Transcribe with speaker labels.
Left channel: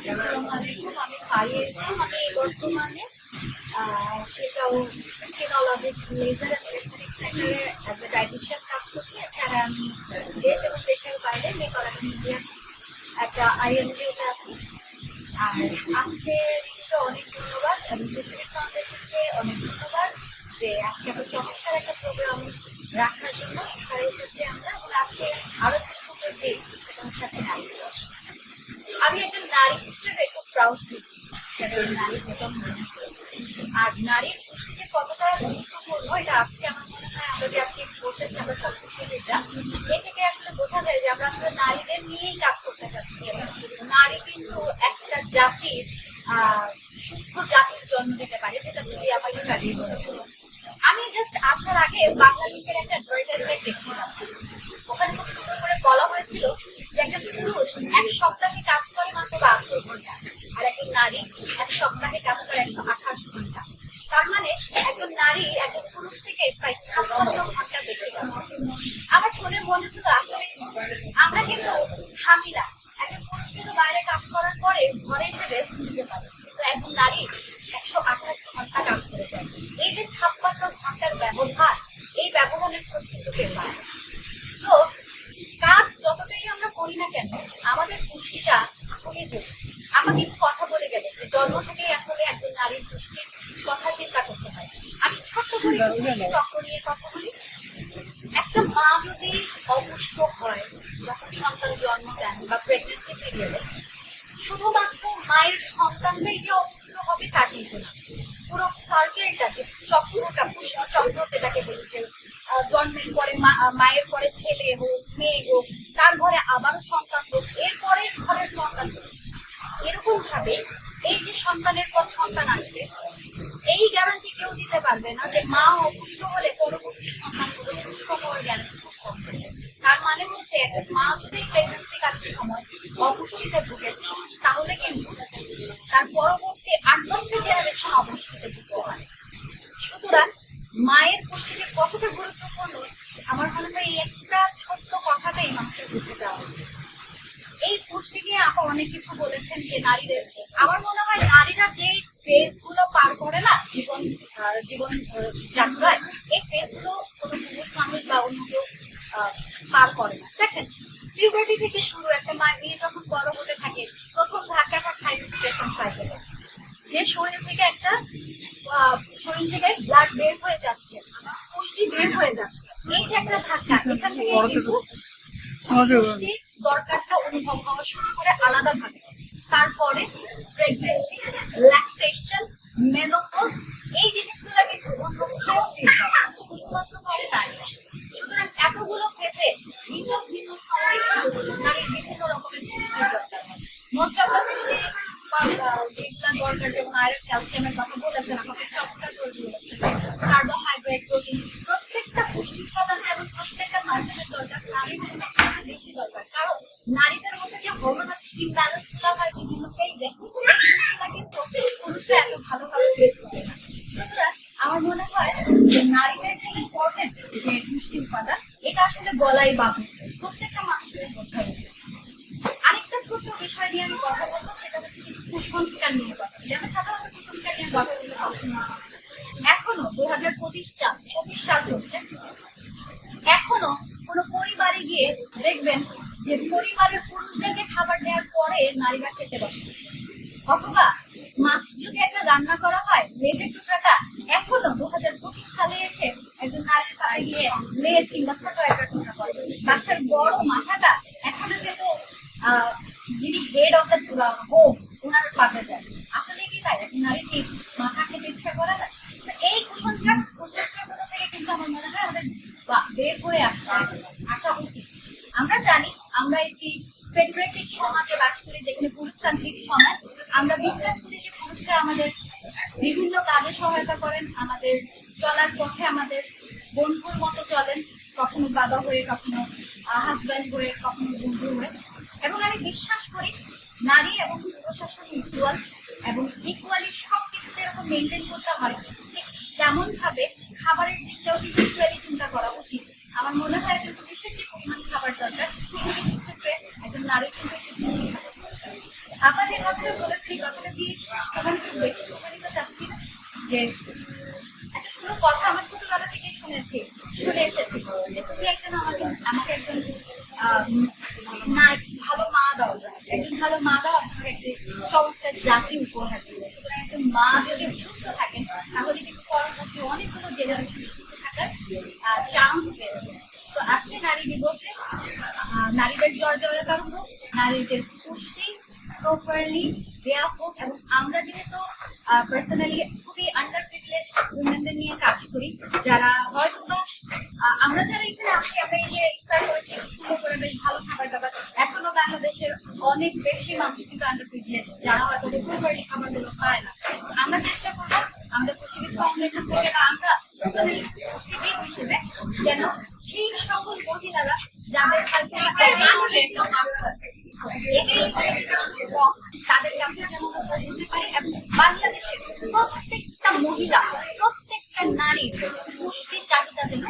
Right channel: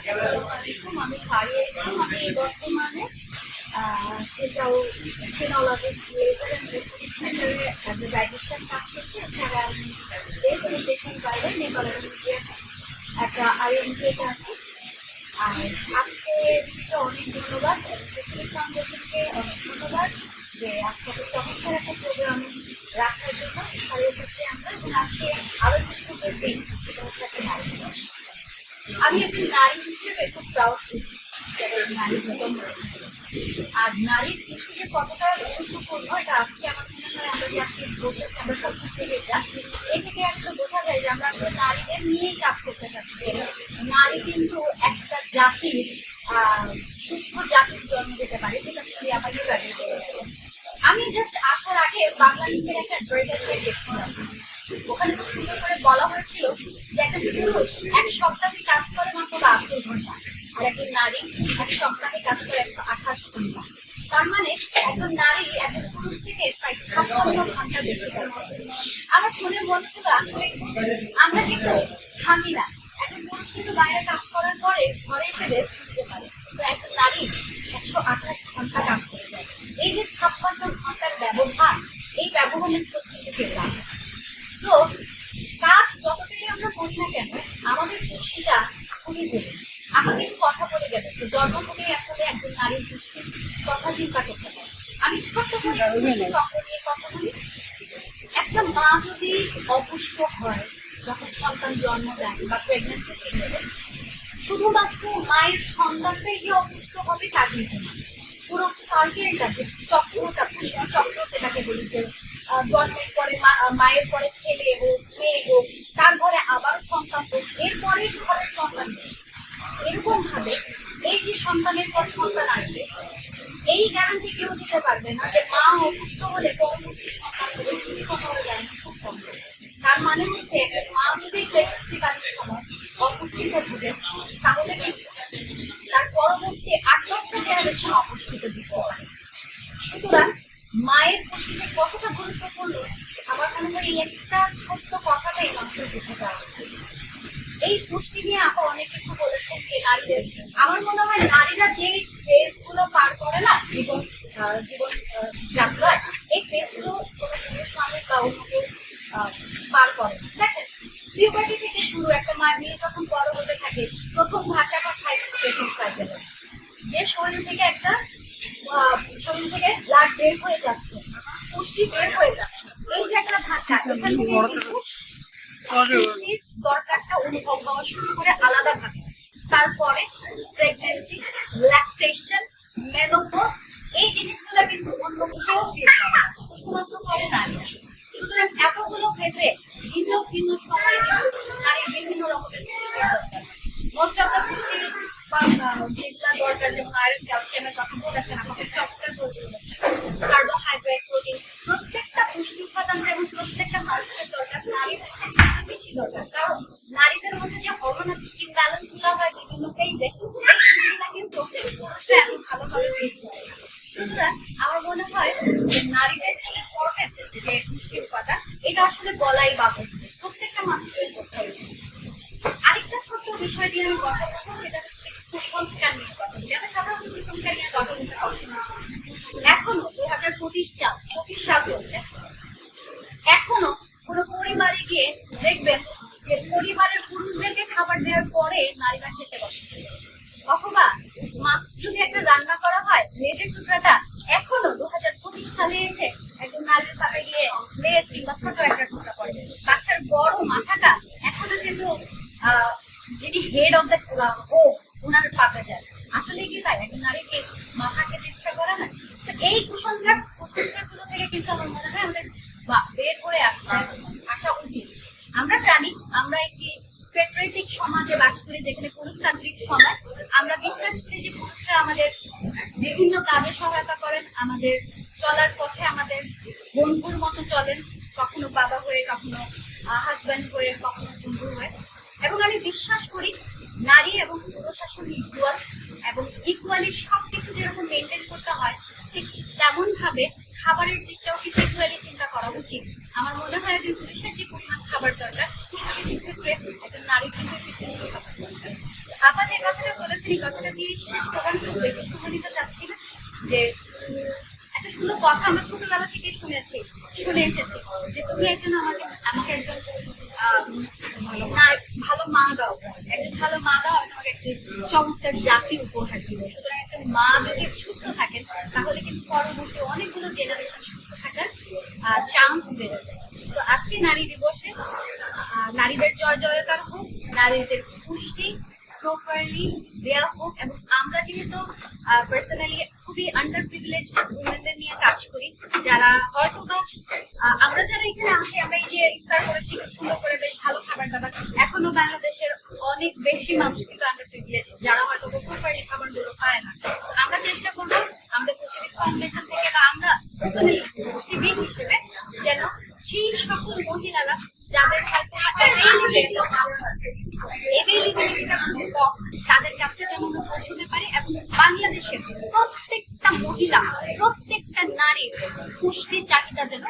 Speaker 1: আমি ফারিয়া ইসলাম আমি বর্তমানে আহ, সেটাও ফিনোলজিক লেজার অ্যান্ড সেন্টারে অ্যাজ এ কাজ করছি। এছাড়া আমি দেশ এবং দেশের বাইরে নেপাল এবং ইন্ডিয়াতে একটা আইএনজিওতে আছি। আর আজকে দিদিকে অনেক ধন্যবাদ এবং স্পেশালি ফাউন্ডেশনকে অনেক ধন্যবাদ যে আজকে এত চমৎকার একটা প্রোগ্রাম রাখার জন্য এখানে আমরা। এবং আজকে আরও যে সুন্দর দিন সেটা হচ্ছে একটা নারী দিবস আমি একজন নারী হিসেবে খুব প্রাউড নারী করেছি আর নারীর পুষ্টি যে কতটা গুরুত্বপূর্ণ, এটা আজকে আমার মনে হয় আমরা যে আজকে বসেছি, আমরা সব কিছু এটা এ থেকে আসলে বোঝা যায় যে আমরা আসলে নারীদের নিয়েই কাজ করতে চাচ্ছি। নারী কিন্তু একটা জাতির সুস্থ জাতির জন্ম দিতে পারে, যেটা যদি আমাকে লাগিয়ে বলেছিল আমি জাস্ট আসার আগে বাংলা লিঙ্কের একটা অ্যাডভার্টাইজমেন্ট দেখছিলাম। ওখানে খুব সুন্দর করে বলা হয়েছিল যে একজন পুরুষ এক সপ্তাহে কাজ করে মাত্র বাহাত্তর ঘণ্টা, আর একজন নারী এক সপ্তাহে কাজ করে একশো আঠাশ ঘণ্টা। তার মানে একজন নারী একজন পুরুষ থেকে প্রায় ছাপ্পান্ন ঘণ্টা বেশি কাজ করে। আমার শুনে মনে হলো আসলে আমরা কিন্তু থামি না। একজন পুরুষ কিন্তু বাইরে কাজ করার পরে ঘরে এসে রেস্ট নিতে পারে। তো একজন নারী একশো আঠাশ ঘণ্টা কাজ করে যায়। এই যে ছাপ্পান্ন ঘণ্টার ব্যবধান এই ব্যবধানের খোঁজ কিন্তু কেউ জরুরি আমার কিছু কথা বলে গেল যে জন্ম থেকেই আসলে একজন নারীর পুষ্টির কথা চিন্তা করতে হয়। আমি ছোট্ট করে একটু নিয়ে কথা বলি। একটা মা যদি অপুষ্ট হয় যখন সন্তান জন্ম দেন বা প্রেগনেন্সি পিরিয়ডে শুধুমাত্র মায়ের সন্তানটাই যে অপুষ্ট হবে তা কিন্তু না। পুরো সার্কেলটা যে চক্রটা পুষ্টি চক্র যেটাকে বলি যে জন্মের পরে মায়ের পরে ছেলে হোক তার ঘরে আবারও সন্তান হোক এরপরে ঘরের সন্তান হোক এরকম ভাবে এই যে সন্তানের পর সন্তান আসবে এই গ্যারান্টি কেউ দিতে না যে মা অপুষ্ট হলে পরবর্তী সন্তান হবে সুস্থ হওয়ার গ্যারান্টি খুব কম তার মানে হচ্ছে মা যদি প্রেগনেন্সি কালীন সময় অপুষ্টিতে ভুগে, তাহলে কিন্তু তার পরবর্তী আট দশটা জেনারেশন অপুষ্টিতে ভুগতে পারে সুতরাং মায়ের পুষ্টি যে কতটা গুরুত্বপূর্ণ আমার মনে হয় এই একটা ছোট্ট কথাটাই মানুষের বুঝে যাওয়া উচিত। এই পুষ্টি নিয়ে আপা অনেক কিছু বলেছেন যে নারীদের। আমার মনে হয় নারীরা যে জীবন যাত্রায় এই ফেজগুলো কোনো পুরুষ মানুষ বা অন্য কেউ পার করে না। দেখেন পিউবার্টি থেকে শুরু একটা মা মেয়ে যখন বড় হতে থাকে প্রথম ধাক্কাটা হাইড্রেশন সাইকেলে যে শরীর থেকে একটা শরীর থেকে ব্লাড বের হয়ে যাচ্ছে পুষ্টি বের হয়ে যাচ্ছে এই যে একটা ধাক্কা এখান থেকে কিন্তু দরকারটা অনুভব হওয়া শুরু করে আলাদা ভাবে তারপরে প্রেগনেন্সি ল্যাকটেশন মেনোপজ অন্য কেউ ফিল করে না শুধুমাত্র করে নারীরা সুতরাং এতগুলো ফেজে ভিন্ন ভিন্ন সময়ে নারীর বিভিন্ন রকমের পুষ্টির দরকার হয় মোস্ট পুষ্টি যেগুলা দরকার যেমন আয়রন ক্যালসিয়ামের কথা বলেছেন আমাকে চমৎকার করে বলেছেন কার্বোহাইড্রেট প্রোটিন প্রত্যেকটা পুষ্টি উপাদান যেমন প্রত্যেকটা মানুষের দরকার নারী বেশি দরকার কারণ নারীদের মধ্যে যে হরমোনাল ইমব্যালেন্সগুলো হয় বিভিন্ন ফেজে জিনিসগুলো কিন্তু পুরুষরা এত ভালোভাবে ফেস করে না সুতরাং আমার মনে হয় যে নারীদের যে ইম্পর্টেন্ট যে পুষ্টি উপাদান এটা আসলে বলাই প্রত্যেকটা মানুষের বোঝা উচিত আরেকটা ছোট্ট বিষয় নিয়ে আমি কথা বলব, সেটা হচ্ছে কিছু কুসংস্কার নিয়ে কথা বলি। আমি সাধারণত কুসংস্কার নিয়ে কথা বলতে পছন্দ। এখনও দু হাজার পঁচিশ সাল পঁচিশ সাল চলছে। এখনও কোনো পরিবারে গিয়ে দেখবেন যে পরিবারের পুরুষদেরকে খাবার দেওয়ার পরে নারীরা খেতে বসে। অথবা মাছ যদি একটা রান্না করা হয়, লেজের টুকরাটা এখনও দু হাজার পঁচিশ সালে এসে একজন নারীর পাতে গিয়ে লেজ কিংবা ছোট একটা টুকরা করে বাসার বড় মাথাটা এখনও কিন্তু যিনি হেড অফ দ্য হোম ওনার পাতে যায়। আসলে কি তাই? একজন নারী কি মাথা খেতে ইচ্ছা করে না? এই কুসংস্কার কুসংস্কারগুলো থেকে কিন্তু আমার মনে হয় আমাদের বের হয়ে আসতে আসা উচিত। আমরা জানি, আমরা একটি সমাজে বাস করি, যেখানে পুরুষতান্ত্রিক সমাজ। আমরা বিশ্বাস করি যে পুরুষরা আমাদের বিভিন্ন কাজে সহায়তা করেন, আমাদের চলার পথে আমাদের বন্ধুর মতো চলেন। কখনো বাবা হয়ে, কখনো হাজব্যান্ড হয়ে, কখনো বন্ধু হয়ে। এবং আমি বিশ্বাস করি, নারী এবং পুরুষ আসলে ইকুয়াল এবং ইকুয়ালি সব কিছু যেরকম মেনটেন করতে হয়, ঠিক তেমন ভাবে খাবারের দিকটাও কিন্তু ইকুয়ালি চিন্তা করা উচিত। আমার মনে হয় একজন পুরুষের যে পরিমাণ খাবার দরকার কিছু ক্ষেত্রে একজন নারীর কিন্তু একটু বেশি খাবার দরকার। আপা যে কথাটা বলেছেন, এই কথাটা দিয়ে শেষ প্রধান খুব বেশি দিতে চাচ্ছি না, যে একটা সুন্দর কথা আমরা ছোটবেলা থেকে শুনেছি, শুনে এসেছি যে তুমি একজন আমাকে ভালো মা দাও একজন ভালো মা দাও, তোমাকে একটি চমৎকার জাতি উপহার দিব। সুতরাং একজন মা যদি সুস্থ থাকেন, তাহলে কিন্তু পরবর্তী অনেকগুলো জেনারেশন সুস্থ থাকার চান্স বেড়ে যায়। তো আজকে নারী দিবসে নারীদের জয় জয়কার হোক, নারীদের পুষ্টি প্রপারলি দেওয়া হোক, এবং আমরা যেহেতু পার্সোনালি খুবই আন্ডার প্রিভিলেজ উইমেনদের নিয়ে কাজ করি, যারা হয়তো বা আমরা যারা এখানে আছি, আমরা এই যে ইফতার করেছি, খুব সুন্দর করে বেশ ভালো খাবার দাবার। এখনও বাংলাদেশের অনেক বেশি মানুষ কিন্তু আন্ডার প্রিভিলেজ যারা হয়তো প্রপারলি খাবারগুলো পায় না। আমরা চেষ্টা করব আমাদের পুষ্টিবিদ ফাউন্ডেশন থেকে বা আমরা পার্সোনালি হিসেবে যেন সেই সকল মহিলারা যাদের হয়তো তাদের কাছে আমরা পৌঁছতে পারি এবং বাংলাদেশের প্রত্যেকটা মহিলা প্রত্যেকটা নারীর পুষ্টির চাহিদা যেন